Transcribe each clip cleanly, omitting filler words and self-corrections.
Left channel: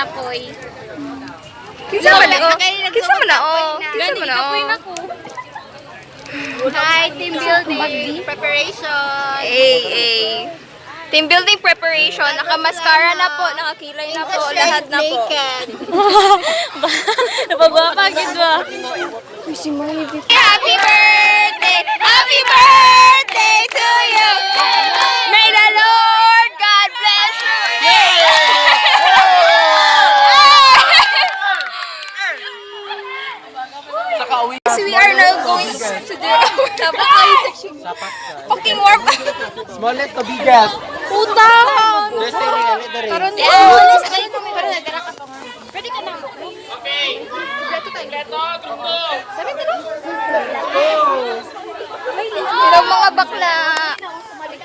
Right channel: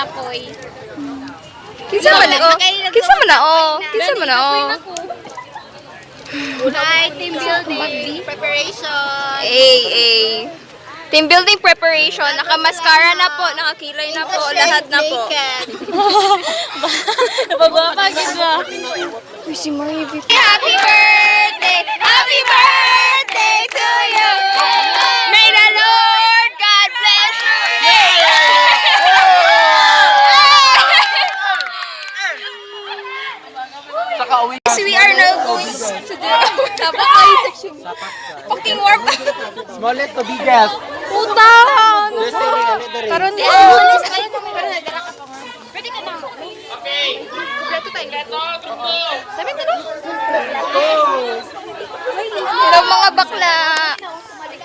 Napoy. Kinsa man na o? Kinsa man na o? Kinsa man na o? Hi, team building preparation. Team building preparation. Naka-mascara na po, nakakilay na po, lahat na po. Napabakagid ba? Uy, si Marie Vicky. Happy birthday! Happy birthday to you! May the Lord God bless you! So we are now going to do our fucking warm up. Smallest to biggest. Utang! Karon din. Hello mga bakla.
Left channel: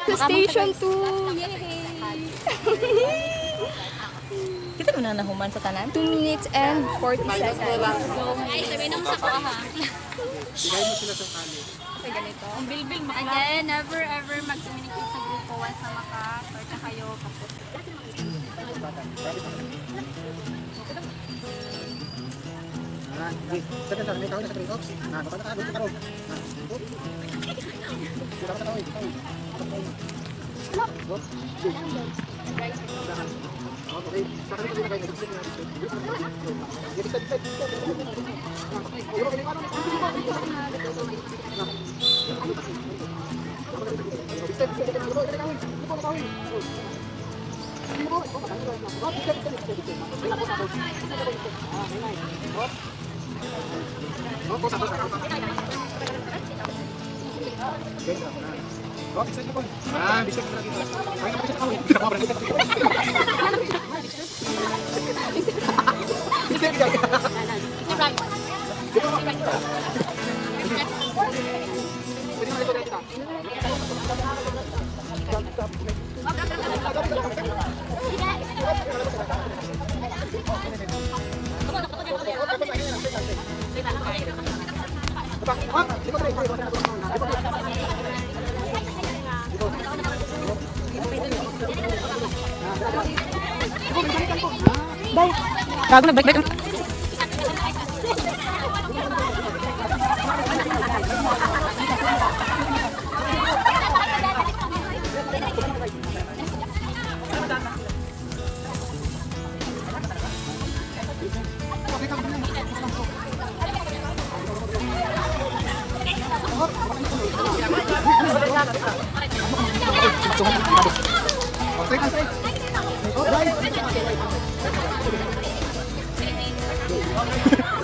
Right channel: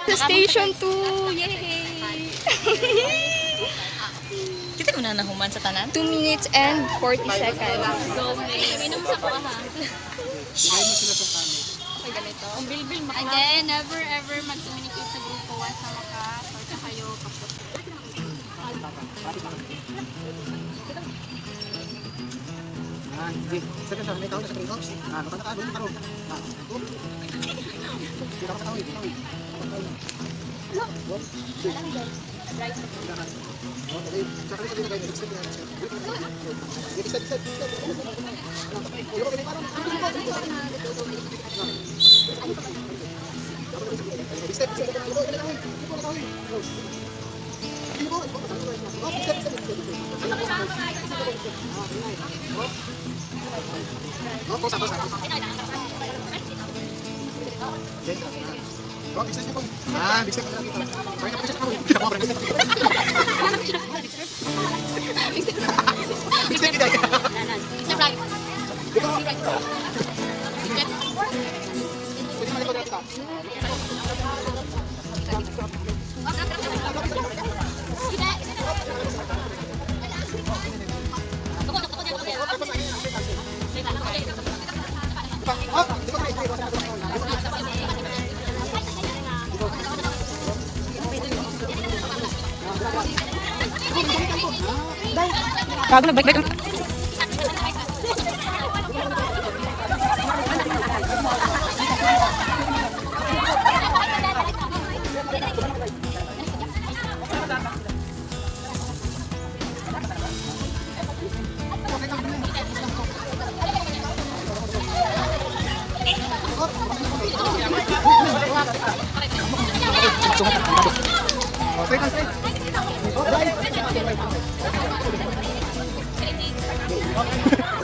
Sa station 2. Yay! Kita ko na nahuman sa tanan. 2 minutes and 40 seconds. Minum sa ko ha. Again, never ever mag-communicate sa grupo once na maka-torta kayo kapot. Hindi. Sa kanta, may tawag na sa trade offs. Baka na doon karo. Kita ka tawag. Okay. Sa kanila kayo nag-step na. Bago nag-break.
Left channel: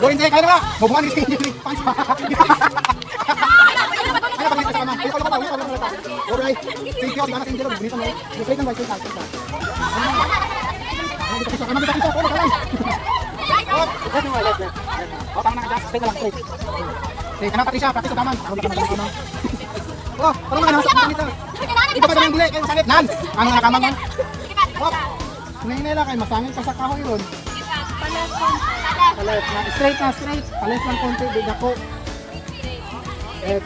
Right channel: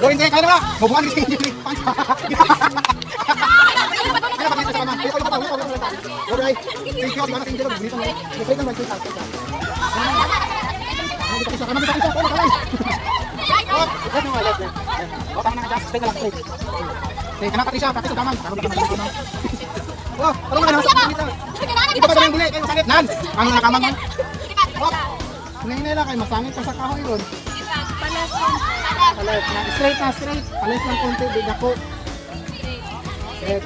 Hindi, kaya na. Mabuhan din. Masangin ka sa kahoy yun. Palit na, straight na, straight. Palit lang konti, di dako. Straight.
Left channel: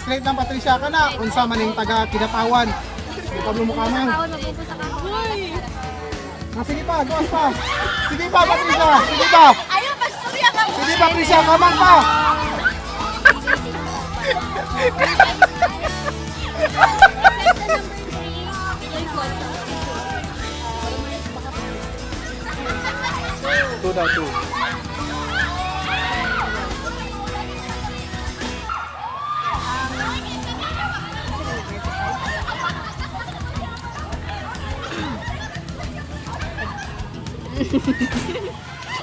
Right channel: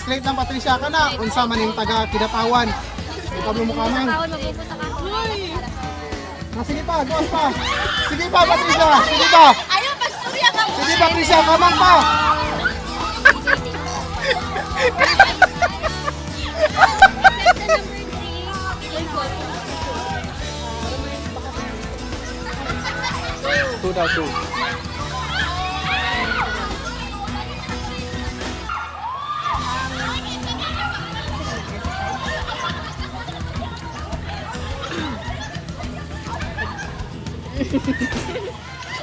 Straight lang, Patricia ka na. Unsa man yung taga kinatawan. May Pablo Mukamang. Sige pa, gawas pa. Sige pa, Patricia. Sige pa. Ayaw, pastorya ka mo! Sige, Patricia, kamang pa. Sudah tu.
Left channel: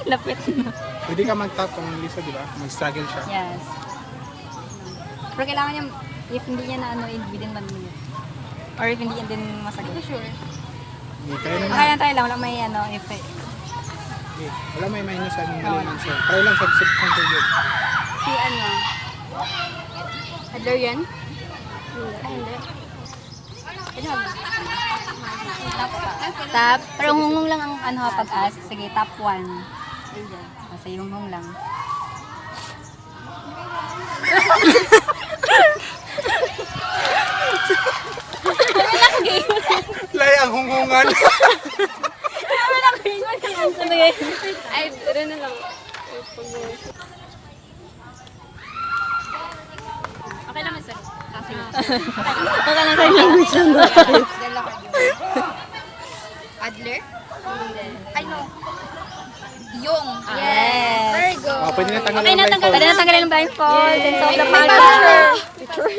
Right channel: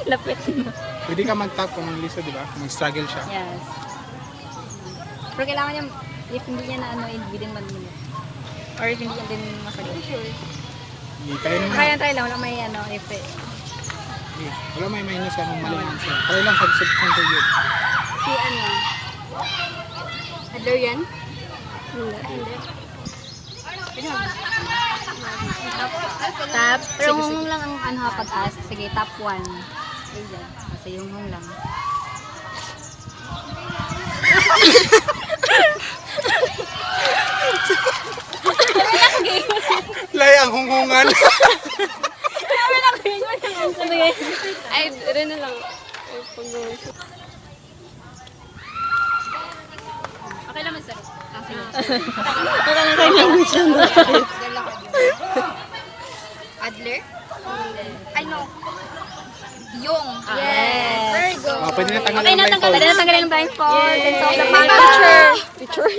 Lapit na. Pwede ka mag-tap kung liso, di ba? Mag-struggle siya. Yes. Pero kailangan niya, if hindi niya na ano, within 1 minute. Or if hindi niya din masagay. Sure. Hindi, kaya naman. Kaya tayo lang, wala may ano, effect. Hindi, wala may minus ka nung mali naman siya. Try lang sa contribute. Si ano? Adler yan? Hindi. Pwede mag tap. Pero humong lang ang ano pag-as. Sige, tap 1. Kasi humong lang. Lay ang hungungan. Sabi lang, Adler? Ay, no. Yung. Yes. Very good. Pwede na tanggalin Okay, yung blindfold. pwede na tanggalin ang blindfold.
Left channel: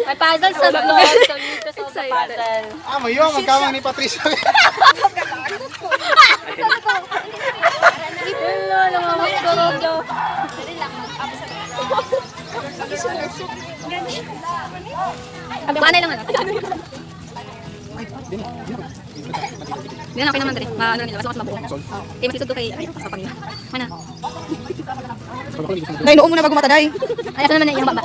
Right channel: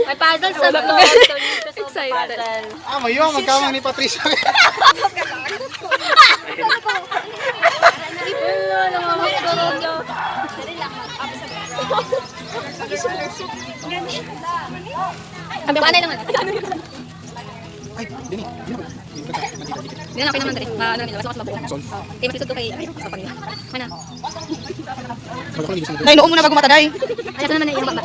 May puzzle sa excited. Mayo, magkawang ni Patricia. Ang panay naman. Ay, dini. Hindi na naman dali. Ano nila, masukot mabuo. Kaya masisod ko kay sa kanila. Mana? Nay, noong muna bago mataday. Ay, asa naman na yung baba.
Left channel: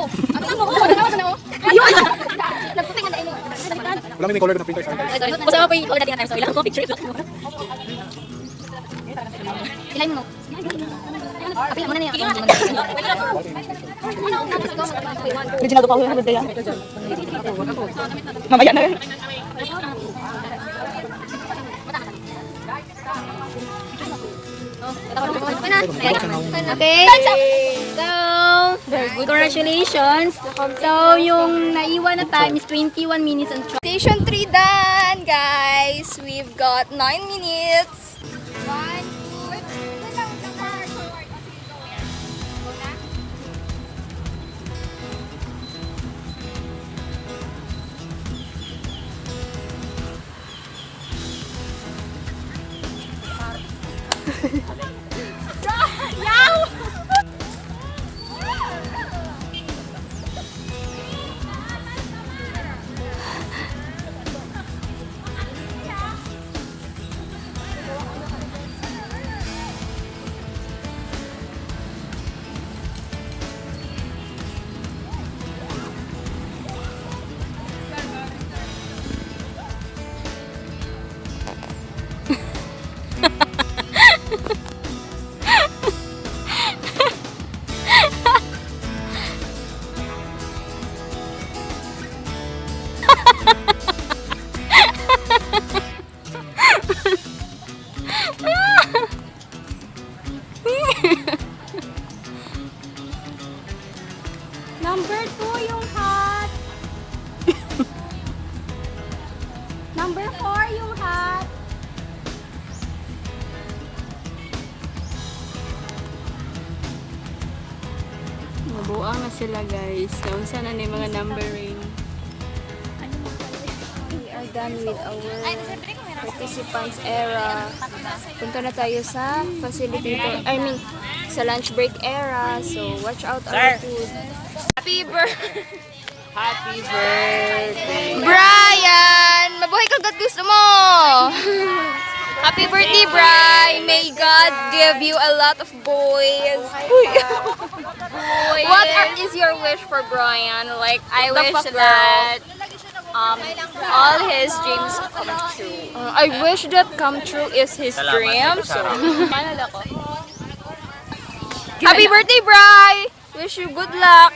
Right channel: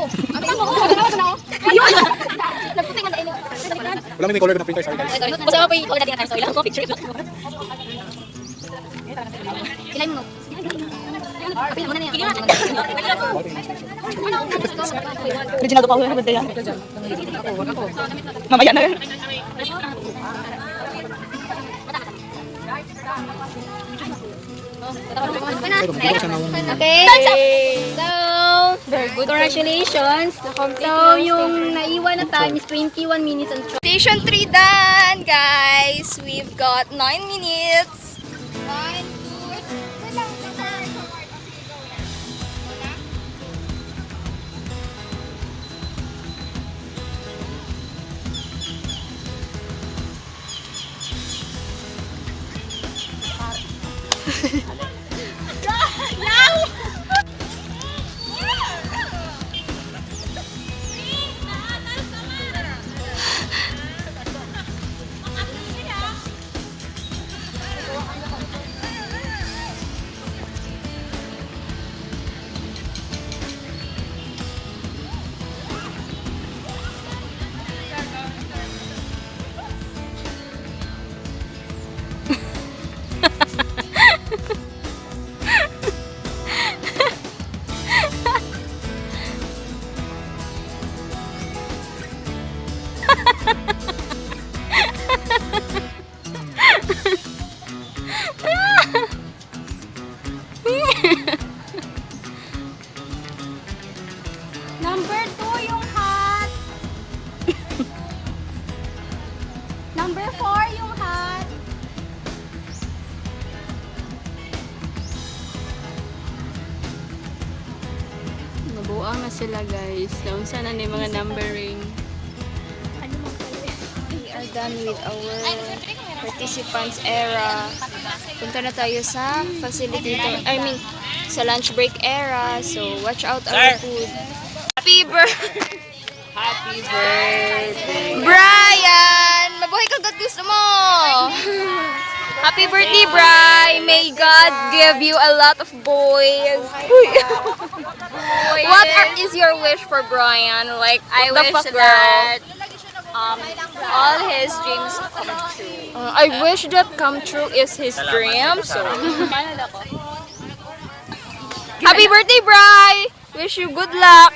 Wala may color na printer sa guys. Basta ako yung color natin ang time. So, ilang ko picture. Ilan mo? Pili mo na niya. Original to pa ulit na mamaya na. Okay. So, congratulations. So, yung naiwan na time is 21 minutes and Station 3 done, guys. We've got 9 minutes. 1, 2, wait lang. Forward. Okay, go na. Go na. Number 2 yung hat. Number 4 yung hat. Nabuang na sila guys. Naunsa na ni mga numbering. We are done with our participants era. Punta na tayo sa facilitator, sa lunch break era. So, watch out our food. Happy birthday! Happy birthday! Brian! Mabuhay ka, God gusto mo! Happy birthday, Brian! May God give you a lot of boys. What is your wish for Brian? Like, I the wish fuck that all his dreams come true. I wish that come true is his dream. So, happy birthday, Bri! Wish you good luck.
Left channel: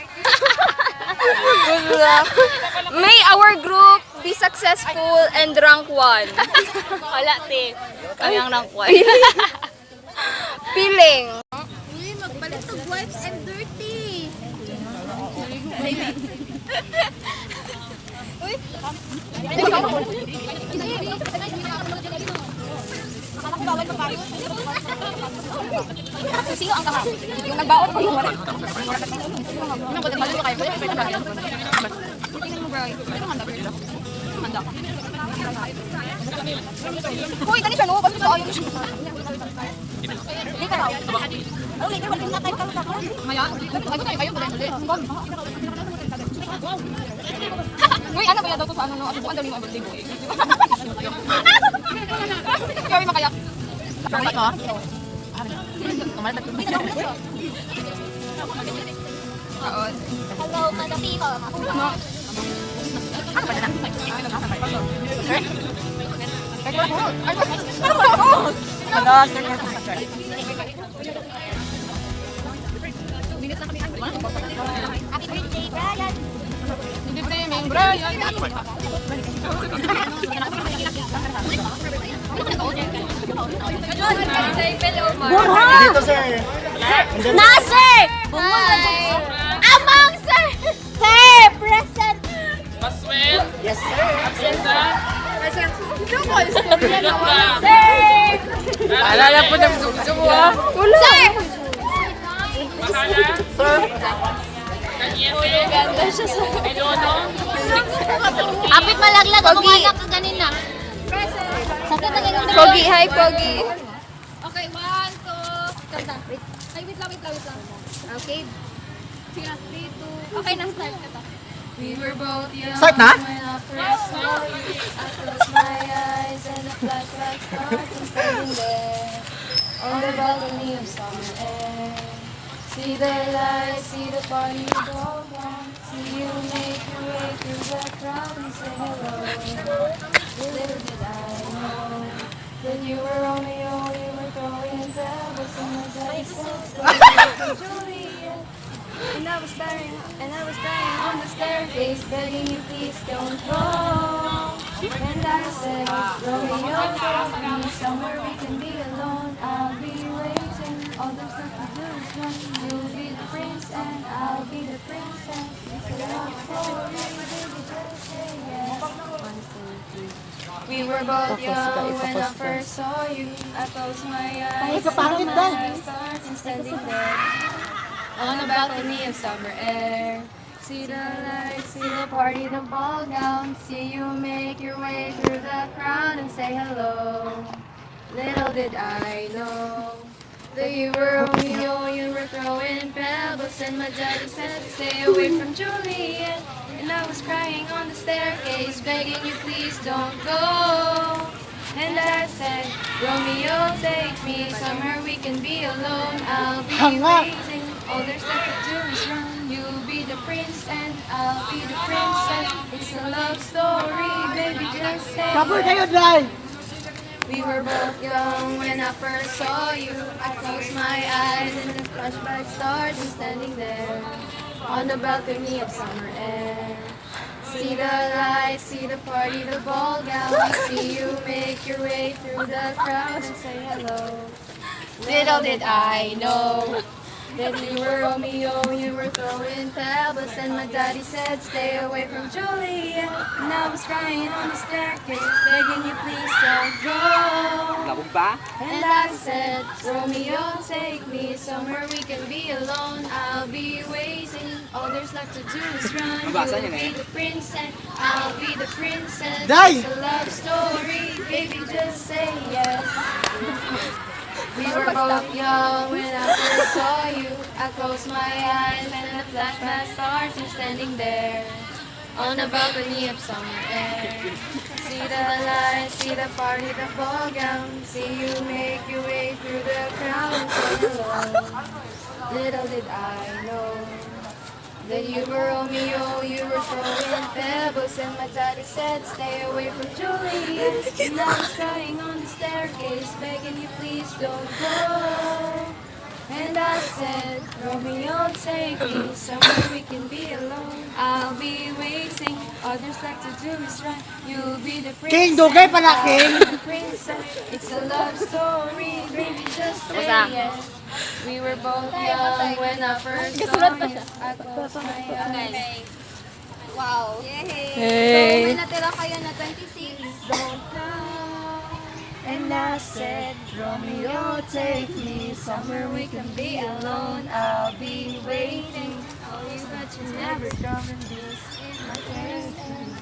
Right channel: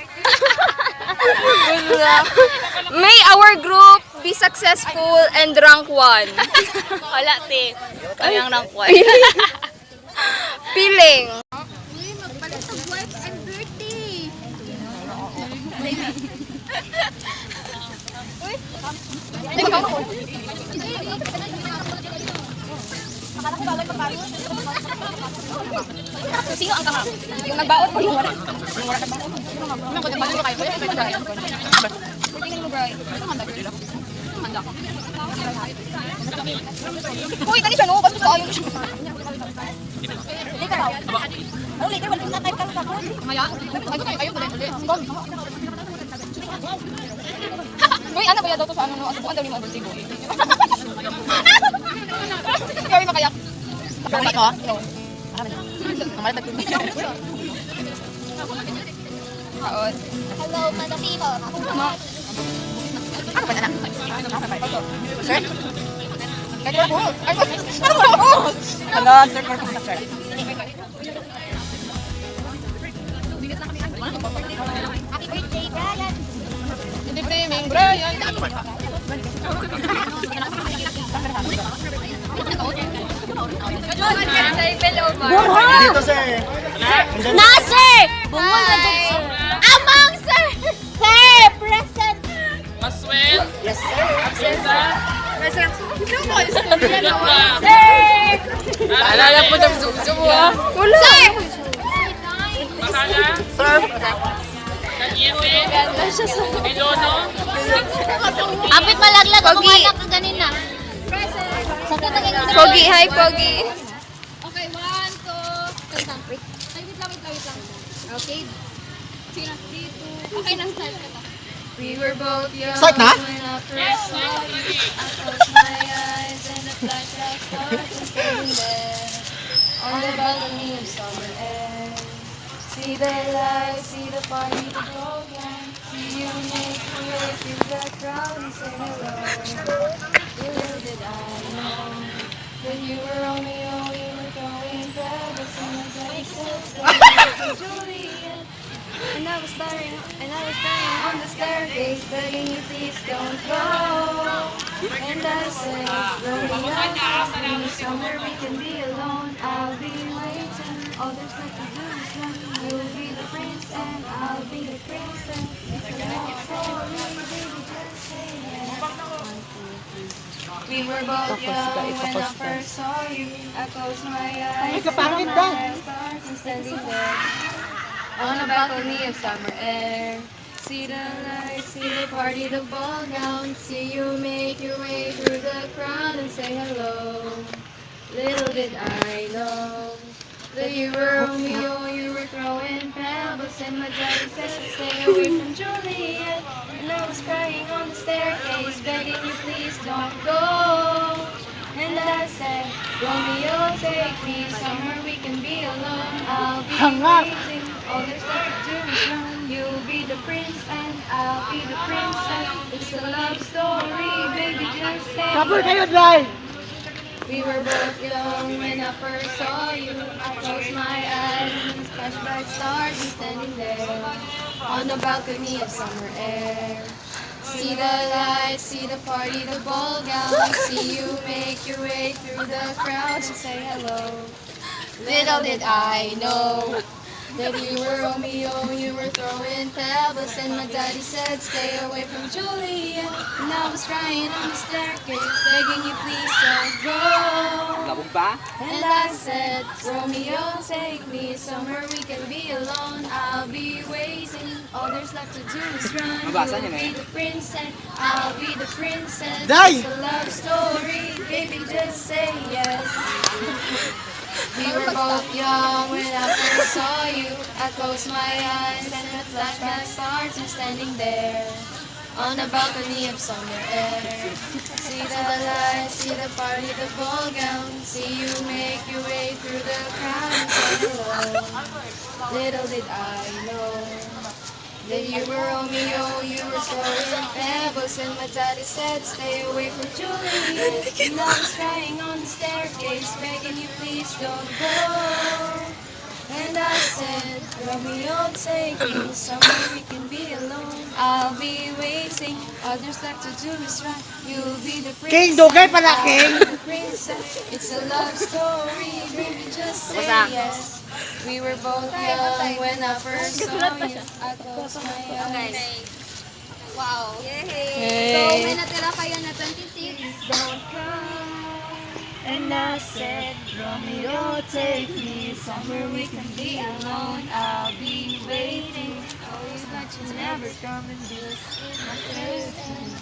Good luck. May our group be successful and rank 1. Wala, te. Kayang rank 1. Feeling. Sino ang kahap? Yung nagbaot ko yung Uy, kani siya no, basta sa ayaw siya. Hindi ka raw. Oh, hindi ka wala na tayo ka ko. Maya. Kayo ba? Uy, ano ba daw to sa ano no? Asubuan daw ni mga birthday boy. Kaya makayak. Bakit ko? Hello, mga people. Happy birthday, Brian! Good evening, Brian! Dito, sir. Nasir! Hi! Amang sir! Sir! Present! Yes, sir. Alala po ng dugdug mo. Wala. Apit malaglag ako Pogi. malak kanina. Pogi, hi Pogi. Okay, 1, 2, kanta. Ay, wait lang. Okay. Sira, 3, 2. Okay, nang start ka ta. We were both young. Start na? When I first saw you, I closed my eyes and the flashlight started standing there on the balcony of summer air. See the lights, see the party go on. See you make your way through the crowd and say hello. Little did I know that you were Romeo, you were throwing pebbles in the distance. Juliet, and I was dying on the staircase, begging you please don't go. And I said, Romeo, take me somewhere we can be alone. I'll be waiting. All there's left to do is run. You'll be the prince and I'll be the princess. It's a love story, baby, just say yes. 1, 2, 3. We were both young when I first saw you. I closed my eyes and my eyes started standing there on the balcony of summer air. See the lights, see the party, the ball ground. See you make your way through the crowd and say hello. Little did I know that you were Romeo, you were throwing pebbles, and my daddy said stay away from Juliet. And I was crying on the staircase, begging you please don't go. And I said, Romeo, take me somewhere we can be alone. I'll be waiting. All there's left to do is run. You'll be the prince and I'll be the princess. It's a love story, baby, just say yes. We were both young when I first saw you. I closed my eyes and the flashback stars and standing there on the balcony of summer air. See the lights, see the party, the ball gown. See you make your way through the crowd and say hello. Little did I know that you were Romeo, you were throwing pebbles, and my daddy said stay away from Juliet. And I was crying on the staircase, begging you please don't go. And I said, Romeo, take me somewhere we can be alone. I'll be waiting. All there's left to do is run. You'll be the prince and I'll be the princess. Die. It's a love story, baby, just say yes. We were both young when I first saw you. I closed my eyes and the flashback starts and standing there on the balcony of summer air. See the lights, see the party, the ball gown. See you make your way through the crowd and say hello. Little did I know that you were Romeo, you were throwing pebbles, and my daddy said stay away from Juliet. And I was crying on the staircase, begging you please don't go. And I said, Romeo, take me somewhere we can be alone. I'll be waiting. All there's left to do is run. You'll be the princess. King, dugay pala, King. I'll be the princess. It's a love story, baby, just say yes. We were both young when I first saw you. I closed my eyes. Wow. Yay! So, may natira kayo na 26. Don't cry. And I said, Romeo, take me somewhere we can be alone. I'll be waiting. Always but you never come and this is my place.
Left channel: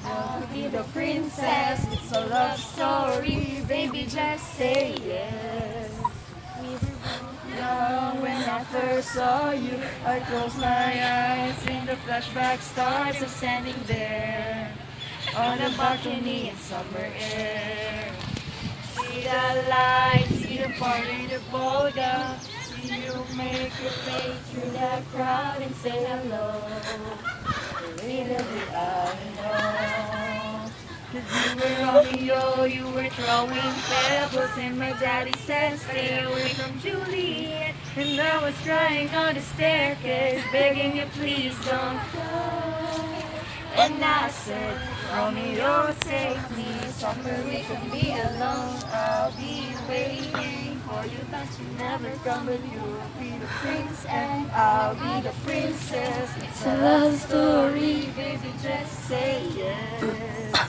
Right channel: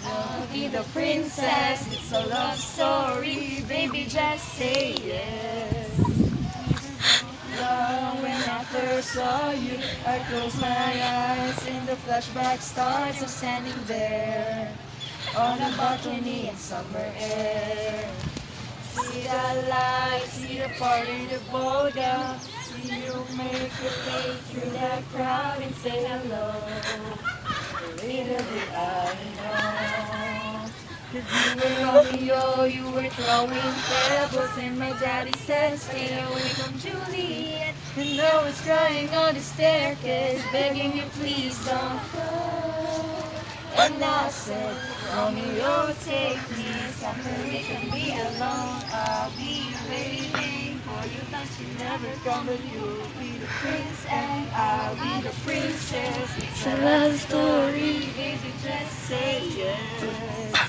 I'll be the princess. It's a love story. Baby, just say yes. When I first saw you, I closed my eyes and the flashback starts of standing there on the balcony in summer air. See the lights, see the party, the blow down. See you make your way through the crowd and say hello. Little did I know that you were Romeo, you were throwing pebbles, and my daddy said stay away from Juliet. And I was crying on the staircase, begging you please don't go. And I said, Romeo, take me somewhere we can be alone. I'll be waiting for you, but you never come. But you'll be the prince and I'll be the princess. It's a love story, baby, just say yes.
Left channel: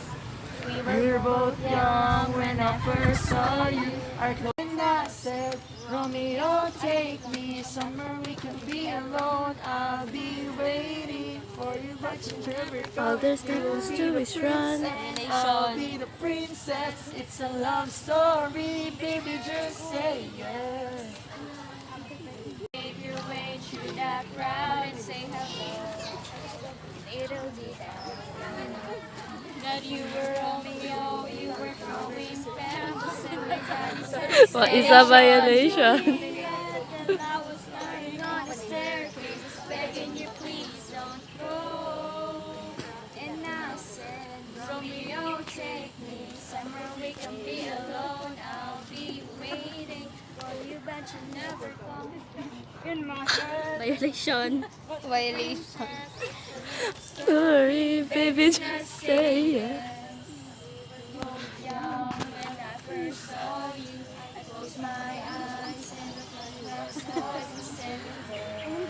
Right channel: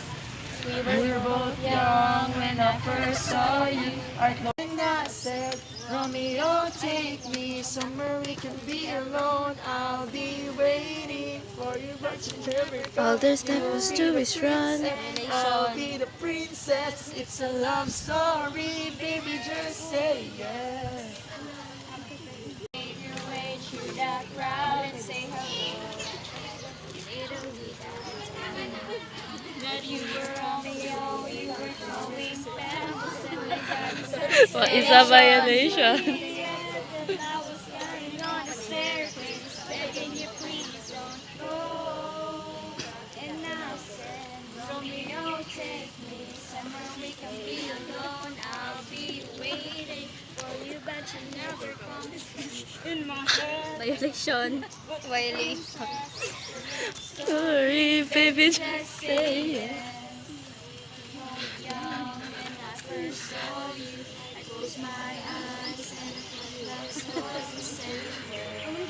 were both young when I first saw you. And I said, Romeo, take me somewhere we can be alone. I'll be waiting for you, but you never come. All there's left is to is run. I'll be the princess. It's a love story, baby. Just say yes. Make your way through that crowd and say hello. It'll be that you were Romeo, you were throwing pebbles and my dad said, What is a violation? and I was lying on the staircase, begging you please don't go. And I said, Romeo, take me somewhere we can be alone. I'll be waiting for you, but you never come. In my head, Violation. violation. Sorry, baby, just say yes. Young when I first saw you, I closed my eyes and I felt you said, in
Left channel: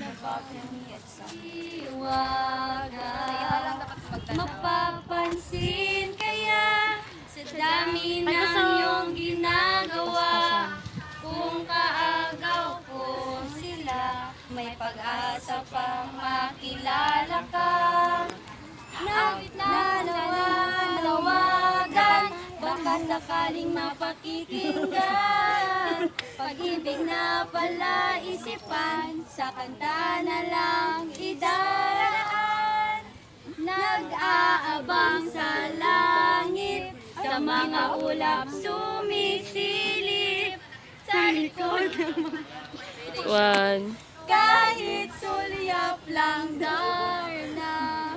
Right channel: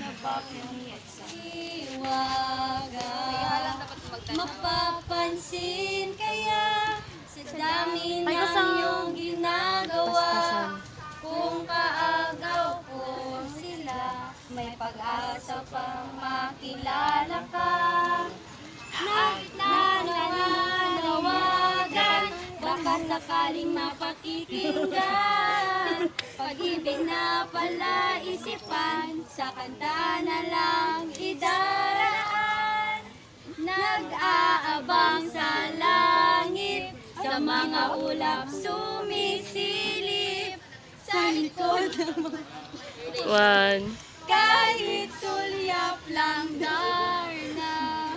the balcony at some mapapansin kaya sa dami ng iyong ginagawa. Kung kaagaw ko sila, may pag-asa pang makilala ka. Nananawagan, baka sakaling mapakikinggan. Pag-ibig na pala isipan, sa kanta na lang idaraan. Nag-aabang sa langit, sa mga ulap sumisilip. Sa likod One. kahit sulyap lang darna,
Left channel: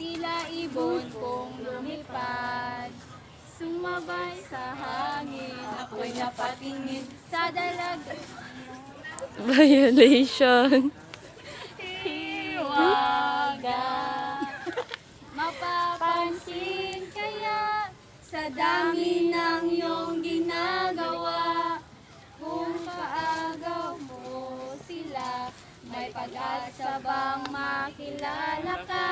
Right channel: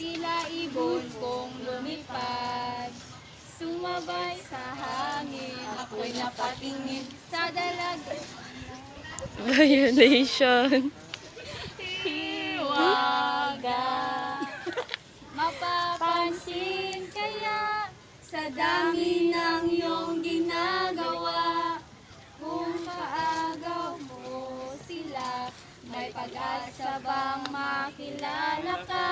tila ibon kong lumipad, sumabay sa hangin, ako'y napatingin sa dalaga. Violation. Hiwaga, mapapansin kaya sa dami ng iyong ginagawa. Kung kaagaw mo sila, may pag-asa bang makilala ka?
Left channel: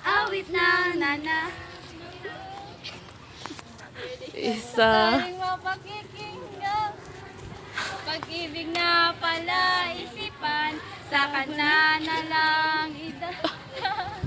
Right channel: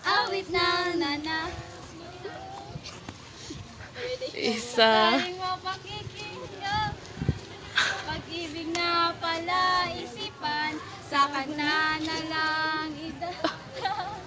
Awit ng nana, Isa. galing mapakikinggan. Pag-ibig na pala isipan, sa kanta na lang idahan.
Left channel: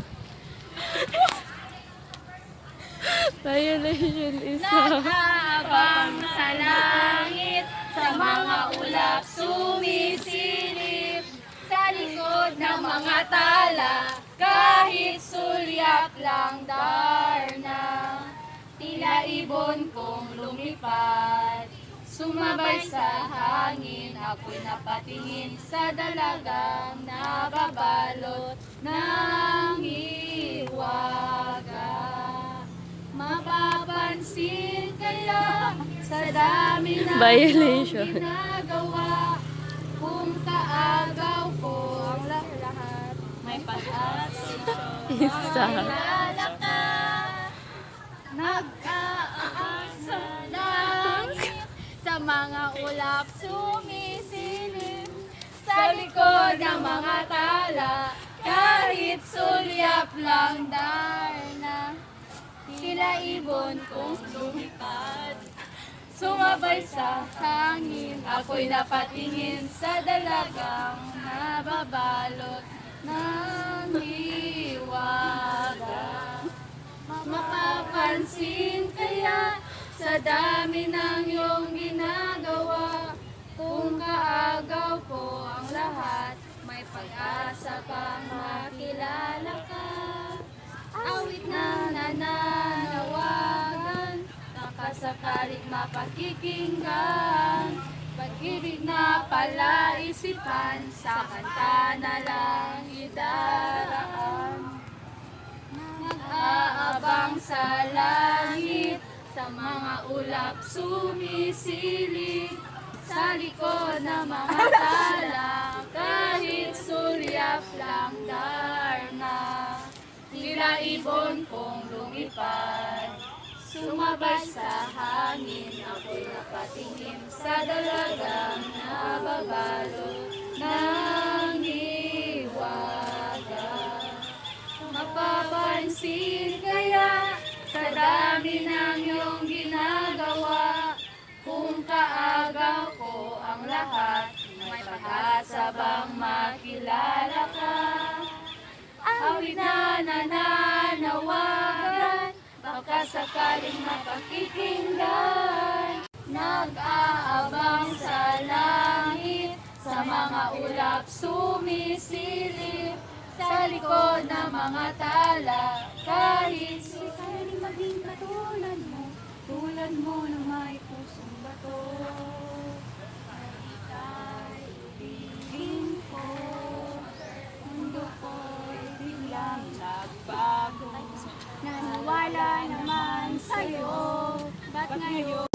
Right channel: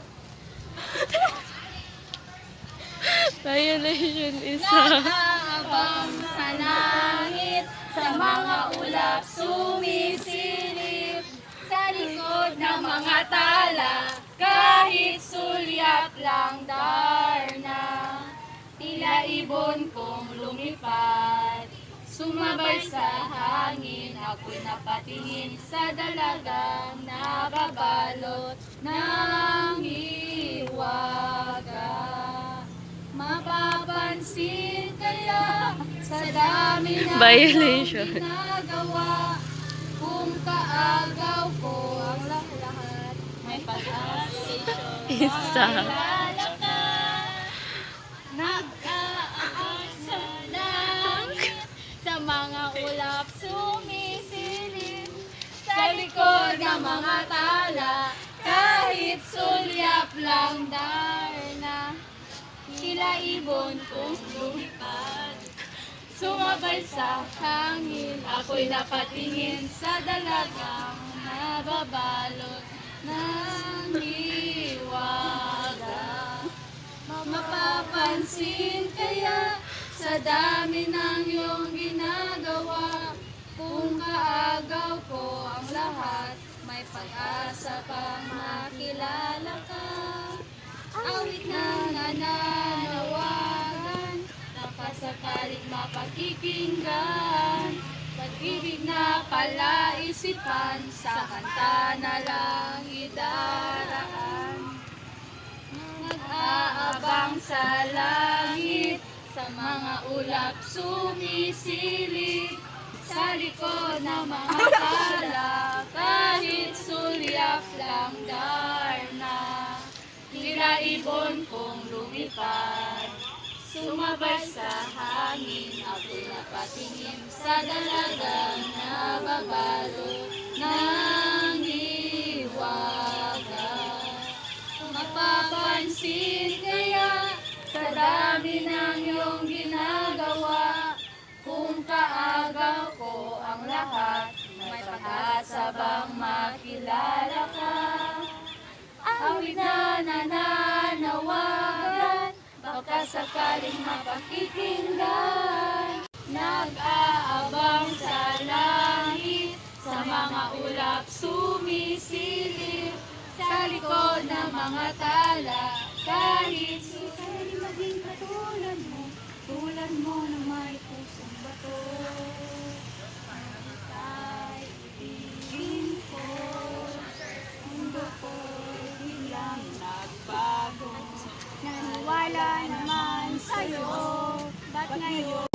Violation isa. Nakaabang sa langit, sa mga ulap sumisilip, sa likod ng mga tala, kahit sulyap lang darna. Tila ibon kong lumipad, sumabay sa hangin, ako'y napatingin sa dalagang nababalot ng hiwaga. Mapapansin kaya sa dami ng Violation. ginagawa, kung kaagaw ko ang lahat, may pag-asa. Isa. Makilala ka, nag-aabang sa langit, sa mga ulap sumisilip, sa likod ng mga tala, kahit sulyap lang darna. Tila ibon kong lumipad, sumabay sa hangin, ako'y napatingin sa dalagang nababalot ng hiwaga. Mapapansin kaya sa dami ng iyong ginagawa, kung kaagaw ko ang lahat, may pag-asa pang makilala ka. Awit na nananawagan, nakasakalit mapakikinggan. Pag-ibig na pala isipan, sa kanta na lang idaraan. Nag-aabang sa langit, sa mga ulap sumisilip, sa likod ng mga tala, kahit sulyap lang darna. Tila ibon kong lumipad, sumabay sa hangin, ako'y napatingin sa dalagang nababalot ng hiwaga. Mapapansin dami ng iyong ginagawa. Kung kaagaw ko ang lahat, may pag-asa bang makilala ka? Awit na nananawagan, baka sakaling mapakikinggan. Nag-aabang sa langit, sa mga ulap sumisilip, sa likod ng mga tala, kahit sukali maging katulad mo na may pusong bato. Ay ibigin ko, mundo ko'y biglang nagbago. Nawala naman sa'yo, ba't ngayon